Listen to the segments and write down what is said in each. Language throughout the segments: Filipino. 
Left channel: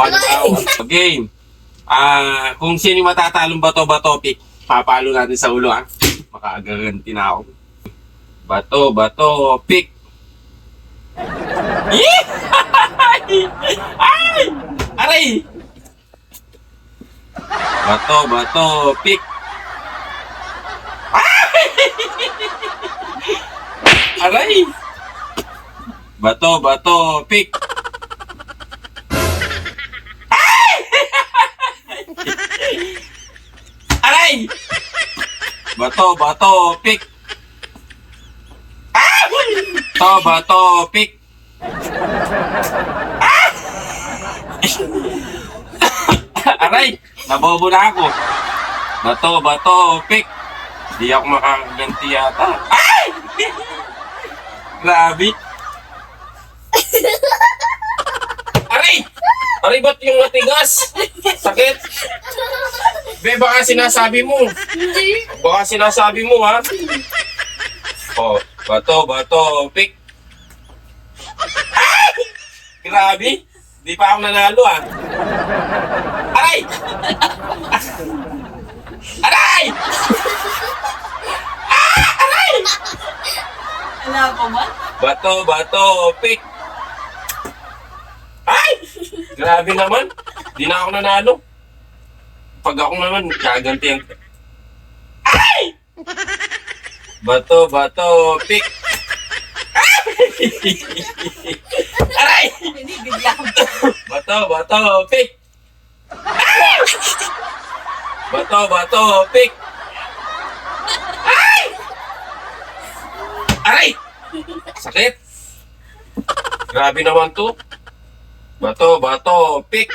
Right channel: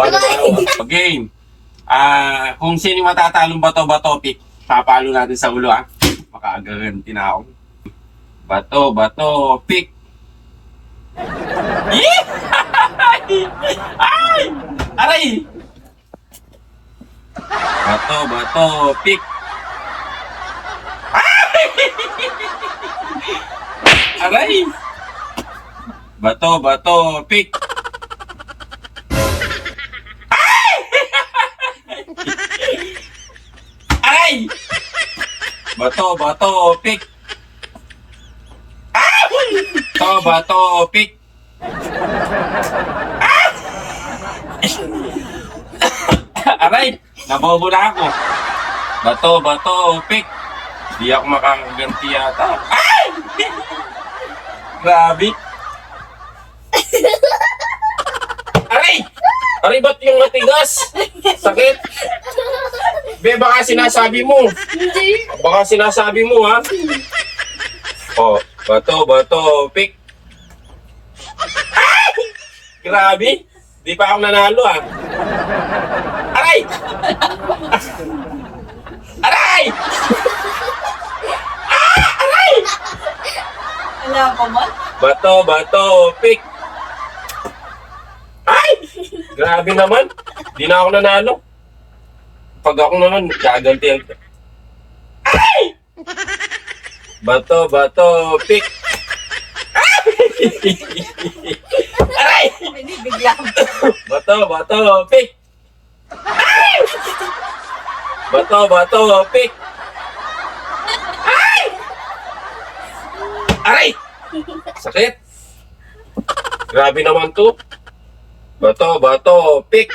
Tawa ng tawa. Game. Kung sino yung matatalong bato-bato, pick. Papalo natin sa ulo, ha? Makagaganti na ako. Bato-bato, pick. Ay! Aray! Bato-bato, pick. Aray! Bato-bato, pick. Aray! Bato-bato, pick. Bato-bato, pick. Aray! Nabobo na ako. Bato-bato, pick. Di ako makakaganti yata. Ay! Grabe. Aray! Aray, ba't yung matigas? Sakit? Be, baka sinasabi mo. Hindi. Baka sinasabi mo, ha? Oh, bato-bato, pick. Ay! Grabe. Di pa ako nanalo, ha? Aray! Aray! Aray! Wala pa ba? Bato-bato, pick. Ay! Grabe naman. Di na ako nanalo. Pag ako naman, gaganti ang... Ay! Bato-bato, pick. Aray! Hindi, bigla ko. Bato-bato, pick. Ay! Bato-bato, pick. Ay! Aray! Sakit. Grabe naman to. Bato-bato, pick.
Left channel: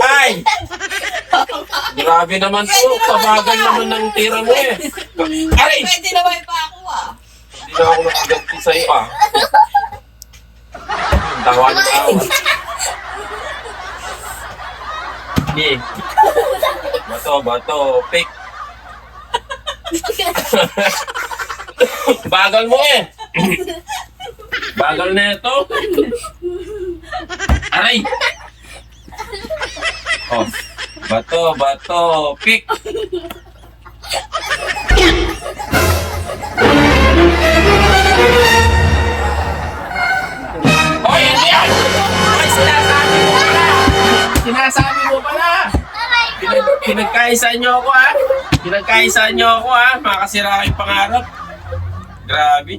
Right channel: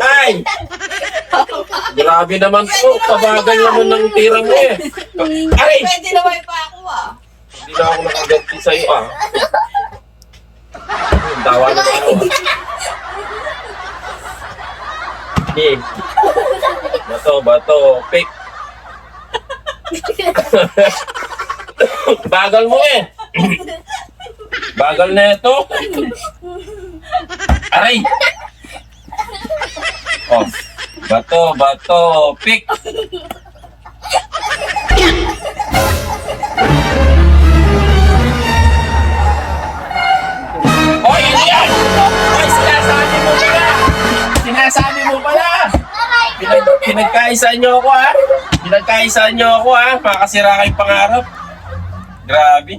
Ay! Grabe naman to. Kabagal naman ng tira mo eh. Aray! Pwede naman pa ako Hindi na ako nakaganti sa'yo, ah. Tawa na tawa. Hindi. Bato-bato, pick. Bagal mo eh. Bagal na ito. Aray! Oh. Bato-bato, pick. Hoy, hindi yan! Hoy, sinasabi mo pala! Sinasabi mo pala! Pinagkaisaan nyo ako, ha? Pinagkaisaan nyo ako, ha? Makakasira kayong pangarap. Grabe.